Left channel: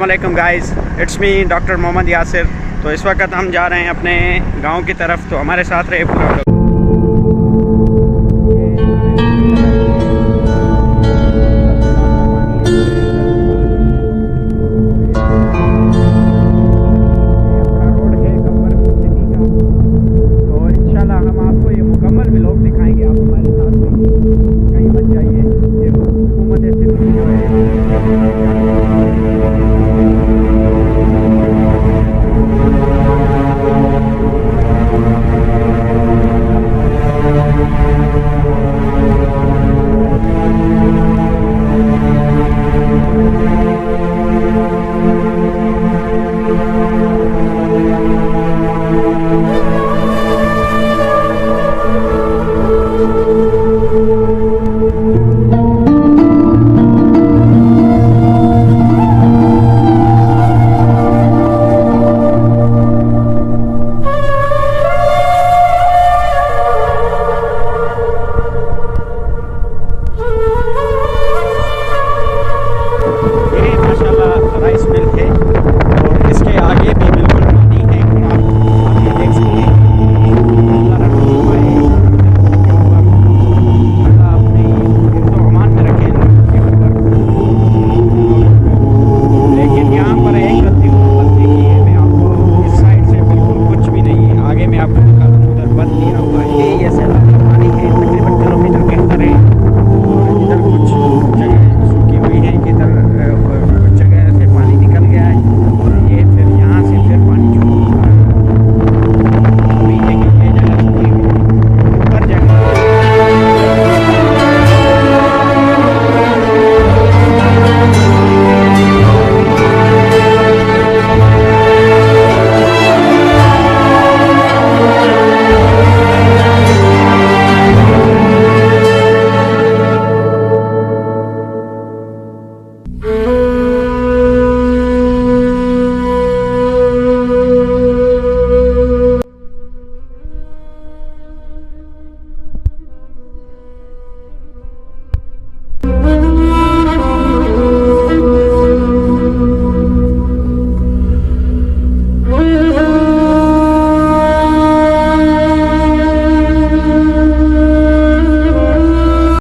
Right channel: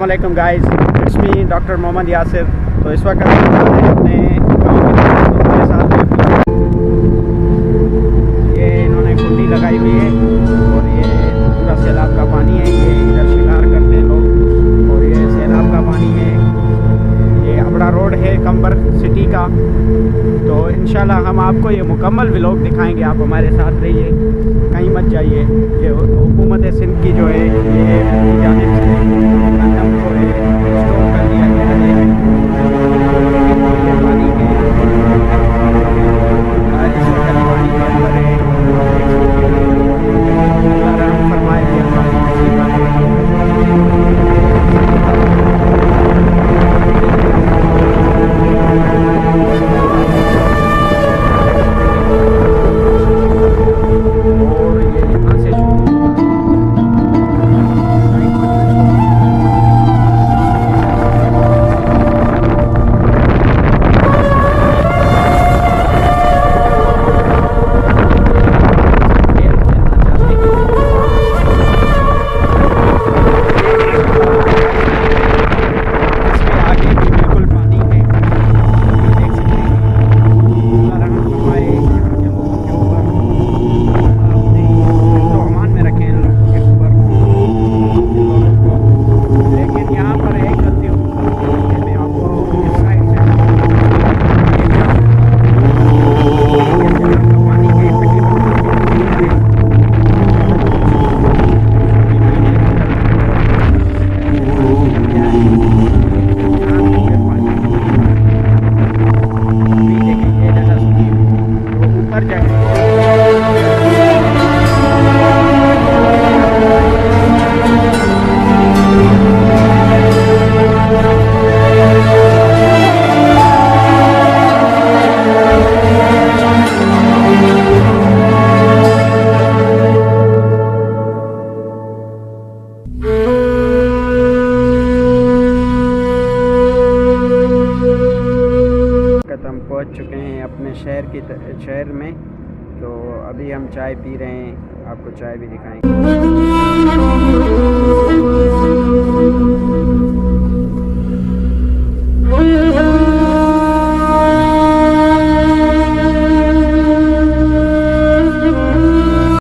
वालेकुम guys, it's me doctor मोहम्मद.यासिर। तो इस वक्त हम जा रहे हैं अपने गांव की तरफ, तो हमारे साथ रहे पूरा। ये इन्होंने कुंडी लगाई हुई है और ये पूरा सैलाब का पानी है। ये इधर शिकार करते हैं लोग और ये सैलाब का पानी है। ये अपना रोड है कंबर सिटी का। तो इंशाल्लाह हम आपको ये मुकम्मल व्लॉग दिखाएंगे, आप हमारे साथ रहिए, कहीं मत जाइए। ये हुकूमत सिंध की जो है ये जानिब से जो है स्टॉप कर दिया गया है पानी के चुके हैं अपने शहर में। तो अभी हम चाय पी रहे हैं, आपको चाय भी दिखाएंगे।